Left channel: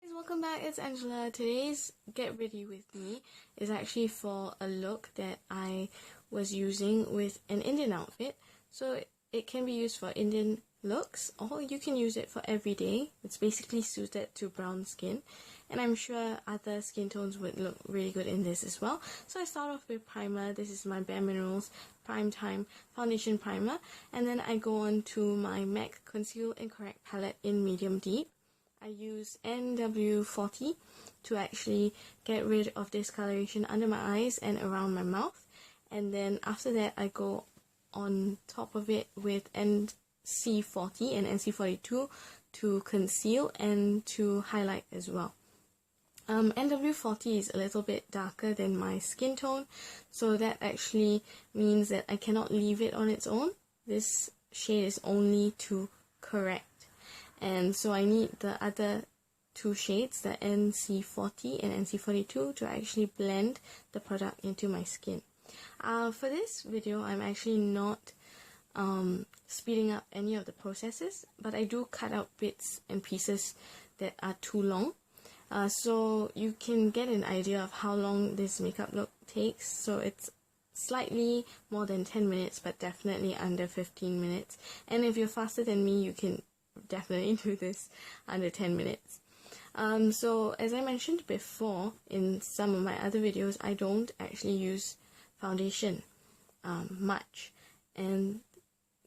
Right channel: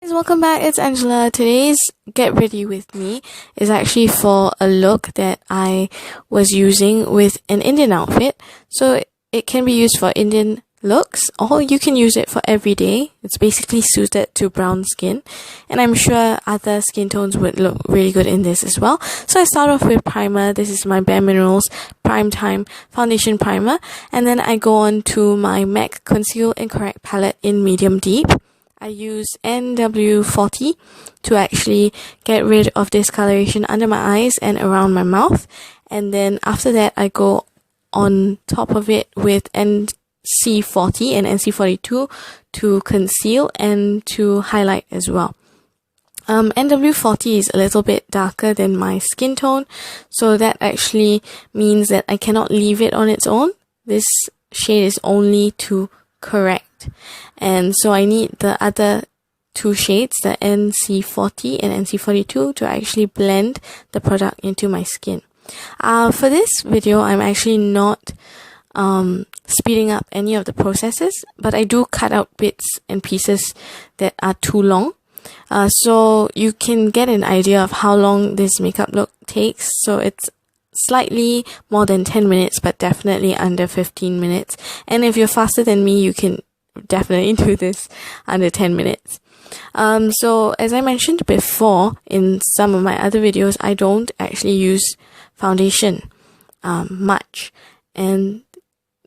Guys, welcome back. It's Angela. Today's Get Ready With Me is actually for a look that I was using with an Indian outfit. So it can be used for Indian looks, or you can use it for every day. It's basically suited to brown skin, and I'm sure other skin tones would look really good in this as well. So I start off with primer. This is my Bare Minerals Prime Time Foundation Primer, and then I go on to my MAC Conceal and Correct palette in Medium Deep. I use NW40 to actually get rid of discoloration under my eyes and around my mouth. And then after that, I go on top of it with NC40 and NC42 to conceal and to highlight as well. NW40 is a little bit darker than my skin tone, so that actually means that I cannot leave it on its own. This shade is only to correct. And so I need the other two shades, the NC40 and NC42, to actually blend the product into my skin. For this video, I'm actually not speeding up any of the processes, but I do cut out bits and pieces that are too long. So you can get an idea of how long this makeup look takes. So it's slightly more than 10 minutes, but definitely under 15 minutes. And if you're faster than me, you can definitely do this under 10 minutes. So as I mentioned before in some of my other videos, I don't actually use foundation much. And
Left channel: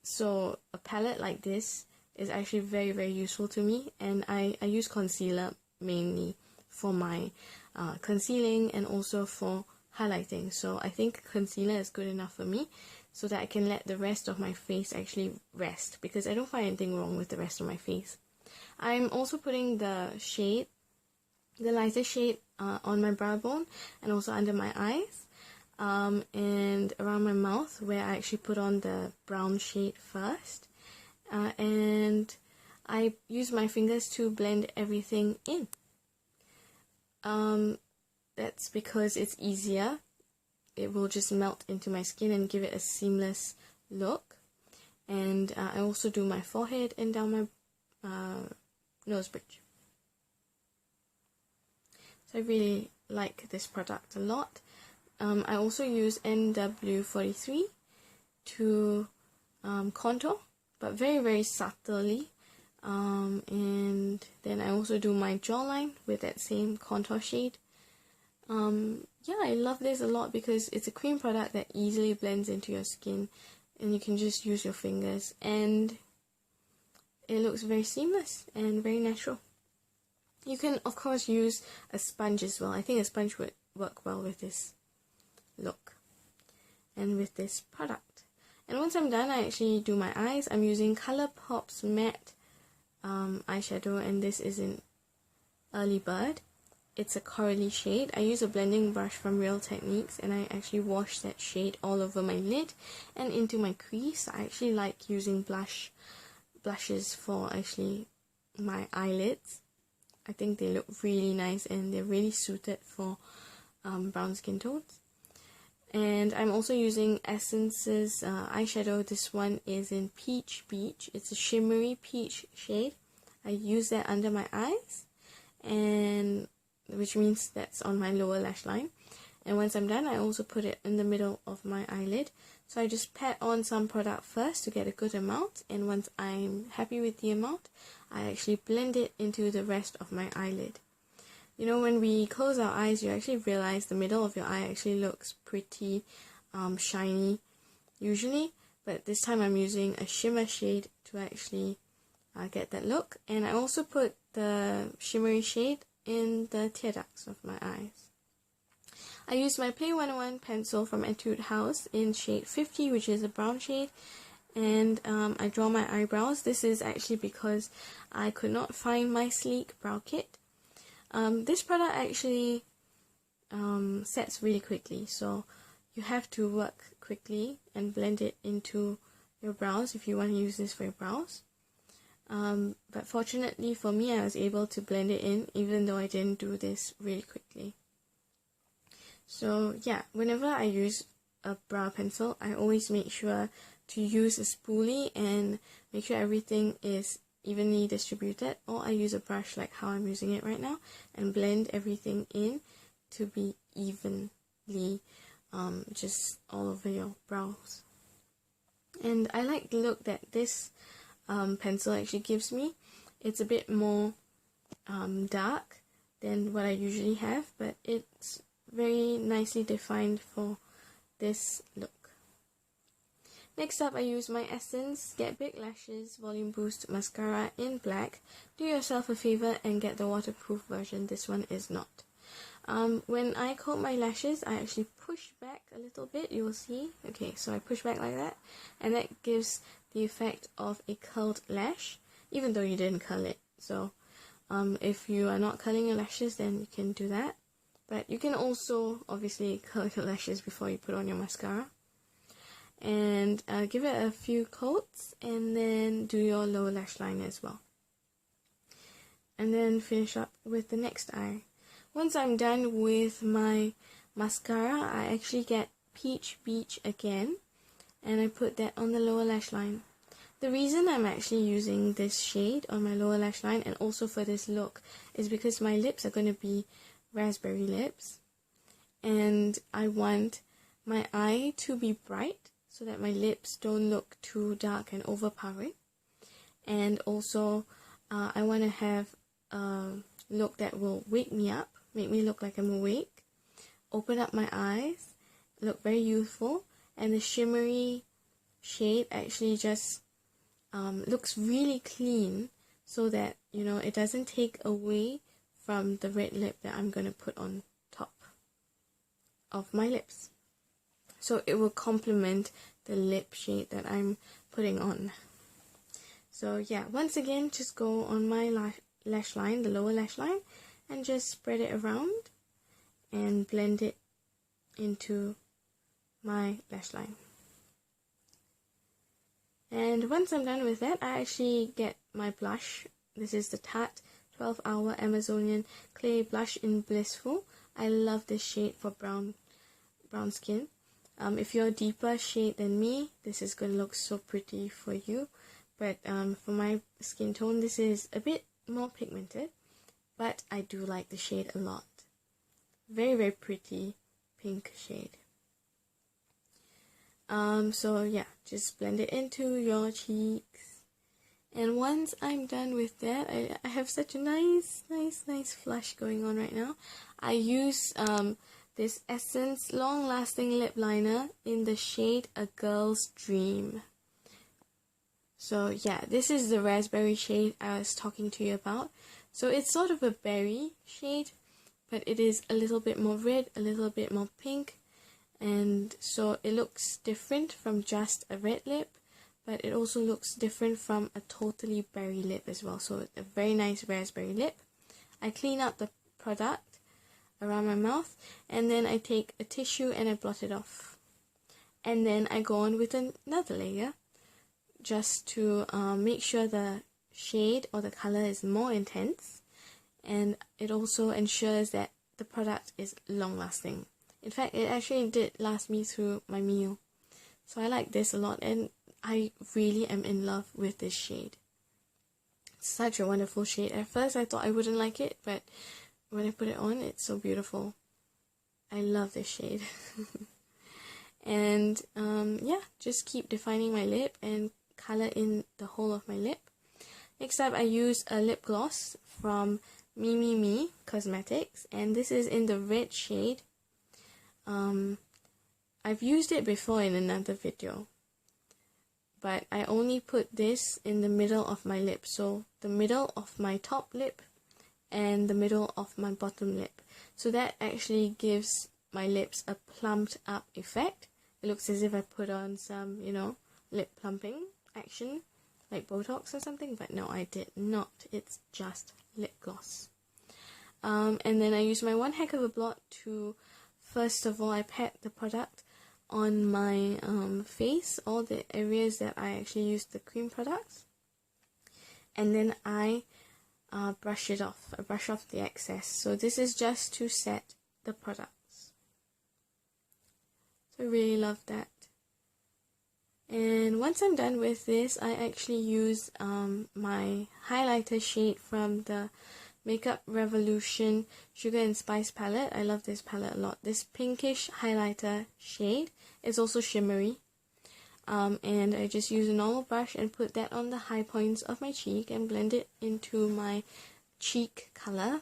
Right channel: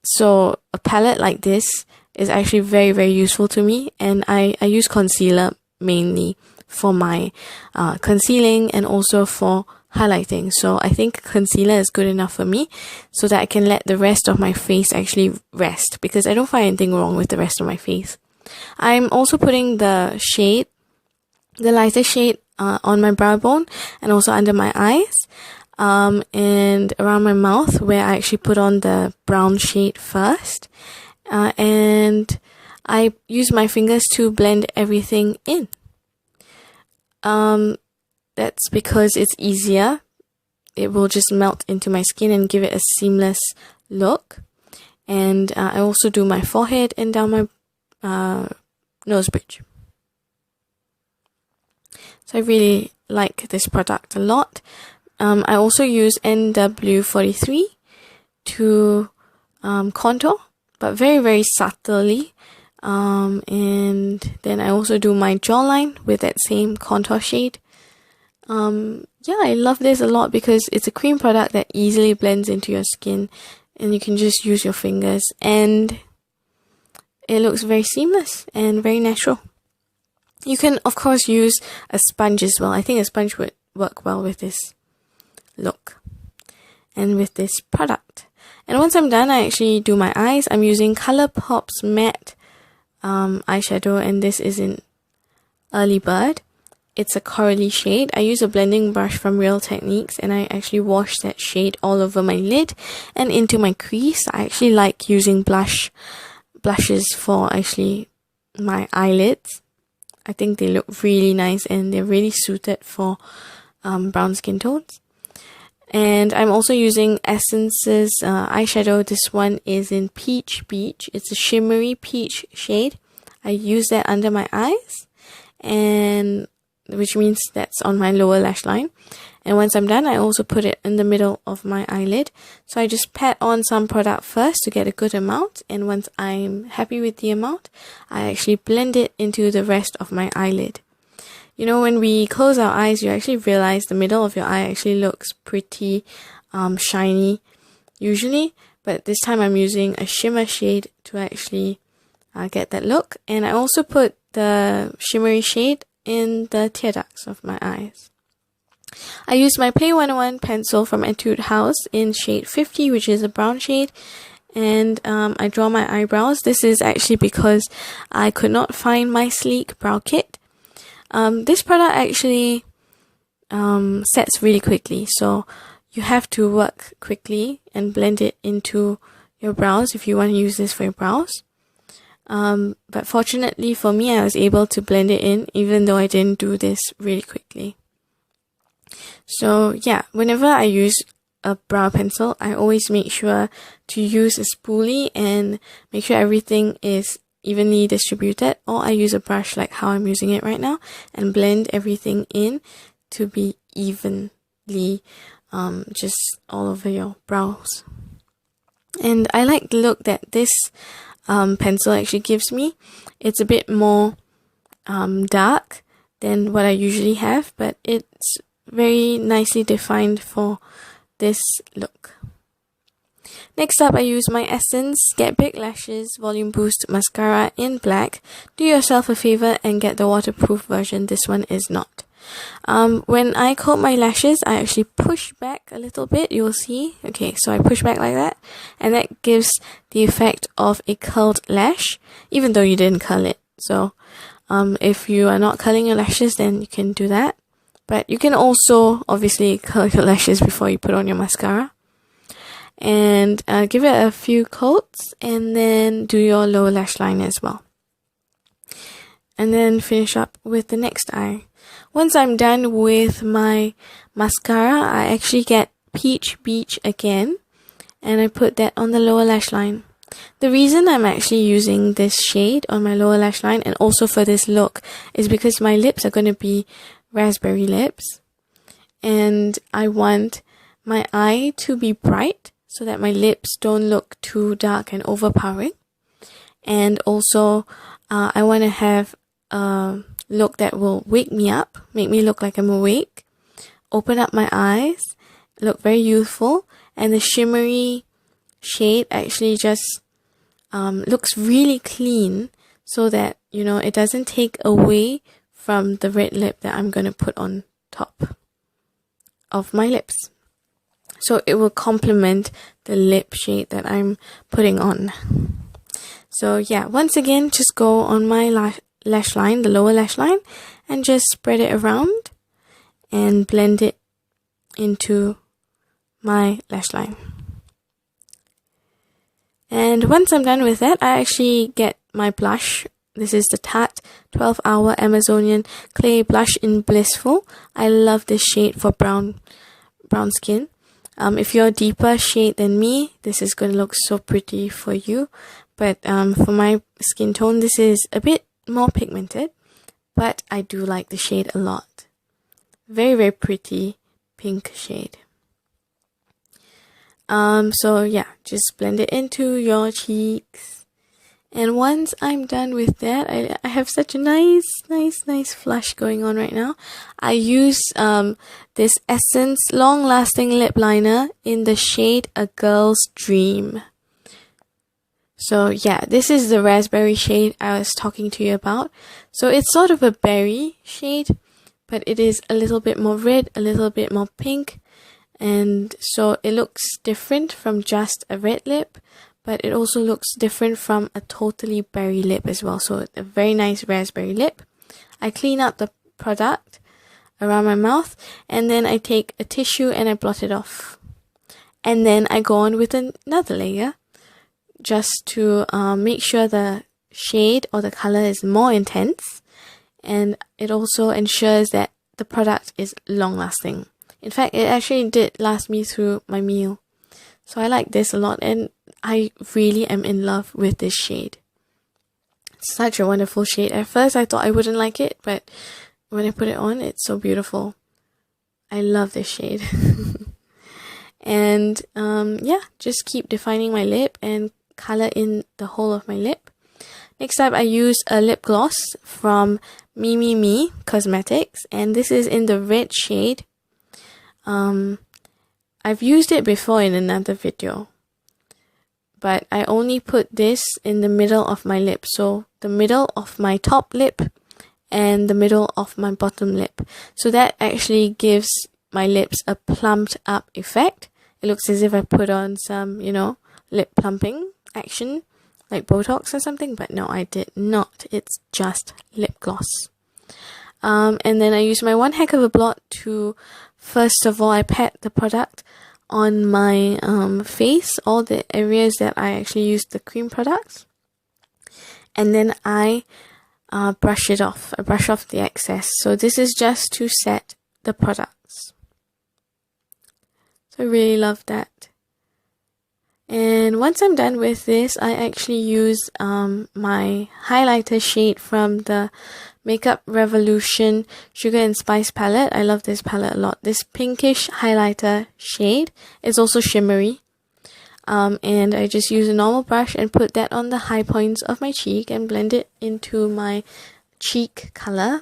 so a palette like this is actually very, very useful to me. And I use concealer mainly for my concealing and also for highlighting. So I think concealer is good enough for me so that I can let the rest of my face actually rest, because I don't find anything wrong with the rest of my face. I'm also putting the shade, the lighter shade, on my brow bone and also under my eyes and around my mouth, where I actually put on the brown shade first, and I use my fingers to blend everything in. That's because it's easier. It will just melt into my skin and give it a seamless look. And I also do my forehead and down my nose bridge. So I really like this product a lot. I also use NW43 to contour, but very, very subtly. And then I also do my jawline with that same contour shade. Yeah, I love this a lot because it's a cream product that easily blends into your skin, and you can just use your fingers, and it looks very seamless and very natural. You can of course use a sponge as well. I think a sponge would work well with this look and with this product. And once I'm done, I actually do my eyes. I'm using Colorpop's matte eyeshadow, and this is in Early Bird. It's a corally shade. I use a blending brush from Real Techniques, and I actually wash that shade all over my lid and into my crease. I actually like using blushes for actually my eyelids. I think they look really nice and they're really suited for brown skin tones. And I'm also using Essence's eyeshadow. This one is in Peach Beach. It's a shimmery peach shade. I use that under my eyes, and which means that's on my lower lash line. And once I'm done, I also put it in the middle of my eyelid. So I just pat on some product first to get a good amount, and once I'm happy with the amount, I actually blend it into the rest of my eyelid. You know, when we close our eyes, you actually realize the middle of your eye actually looks pretty shiny usually, but this time I'm using a shimmer shade to actually get that look. And I also put the shimmery shade in the tear ducts of my eyes. I use my Play 101 pencil from Etude House in shade 50, which is a brown shade, and I draw my eyebrows. This is actually because I could not find my sleek brow kit. This product actually sets really quickly, so you have to work quickly and blend it into your brows if you want to use this for your brows. But fortunately for me, I was able to blend it in even though I didn't do this really quickly. So yeah, whenever I use a brow pencil, I always make sure to use a spoolie and make sure everything is evenly distributed, or I use a brush like how I'm using it right now and blend everything in to be evenly just all over your brows. And I like the look that this pencil actually gives me. It's a bit more dark than what I usually have, but it's very nicely defined for this look. Next up, I use my Essence Get Big Lashes Volume Boost Mascara in black. Do yourself a favor and get the waterproof version. This one is not. When I coat my lashes, I actually push back a little bit. You'll see. Okay, so I push back like that, and that gives the effect of a curled lash, even though you didn't curl it. So if you are not curling your lashes, then you can do that. But you can also obviously curl your lashes before you put on your mascara. And give it a few coats, and then do your lower lash line as well. And then finish up with the next eye. Once I'm done with my mascara, I actually get Peach Beach again, and I put that on the lower lash line. The reason I'm actually using this shade on my lower lash line and also for this look is because my lips are going to be raspberry lips, and I want my eye to be bright so that my lips don't look too dark and overpowering. And also I want to have a look that will wake me up, make me look like I'm awake, open up my eyes, look very youthful, and the shimmery shade actually just looks really clean, so that, you know, it doesn't take away from the red lip that I'm going to put on top of my lips. So it will complement the lip shade that I'm putting on. So yeah, once again, just go on my lash line, the lower lash line, and just spread it around and blend it into my lash line. And once I'm done with that, I actually get my blush. This is the Tarte 12 Hour Amazonian Clay Blush in Blissful. I love this shade for brown skin. If you're a deeper shade than me, this is going to look so pretty for you. But for my skin tone, this is a bit more pigmented, but I do like the shade a lot. Very, very pretty pink shade. So yeah, just blend it into your cheeks. And once I'm done with that, I have such a nice flush going on right now. I use this Essence Long Lasting Lip Liner in the shade A Girl's Dream. So yeah, this is the raspberry shade I was talking to you about. So it's sort of a berry shade, but it is a little bit more red, a little bit more pink. And so it looks different from just a red lip, but it also looks different from a totally berry lip as well. So a very nice raspberry lip. I clean up the product around my mouth, and then I take a tissue and I blot it off. And then I go on with another layer just to make sure the shade or the color is more intense, and it also ensures that the product is long lasting. In fact, it actually did last me through my meal. So I like this a lot, and I really am in love with this shade. It's such a wonderful shade. At first I thought I wouldn't like it, but when I put it on, it's so beautiful. I love this shade. And yeah, just keep defining my lip and color in the whole of my lip. Next up, I use a lip gloss from Me Cosmetics, and this is in the red shade. I've used it before in another video, but I only put this in the middle of my lip, so the middle of my top lip and the middle of my bottom lip. So that actually gives my lips a plumped up effect. It looks as if I put on some, you know, lip plumping action like Botox or something, but no, I did not. It's just lip gloss. And then I use my one heck of a blot to, first of all, I pat the product on my face, all the areas that I actually used the cream products, and then I brush it off. I brush off the excess. So this is just to set the products. So I really love that. And once I'm done with this, I actually use my highlighter shade from the Makeup Revolution Sugar and Spice palette. I love this palette a lot. This pinkish highlighter shade is also shimmery. And I just use a normal brush and put that on the high points of my cheek and blend it into my cheek color.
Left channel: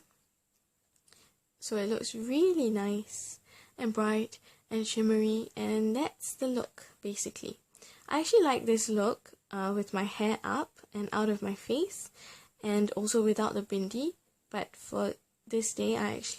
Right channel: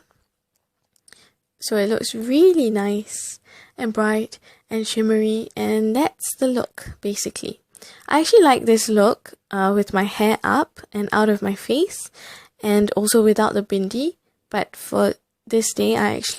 So it looks really nice and bright and shimmery, and that's the look basically. I actually like this look with my hair up and out of my face, and also without the bindi. But for this day, I actually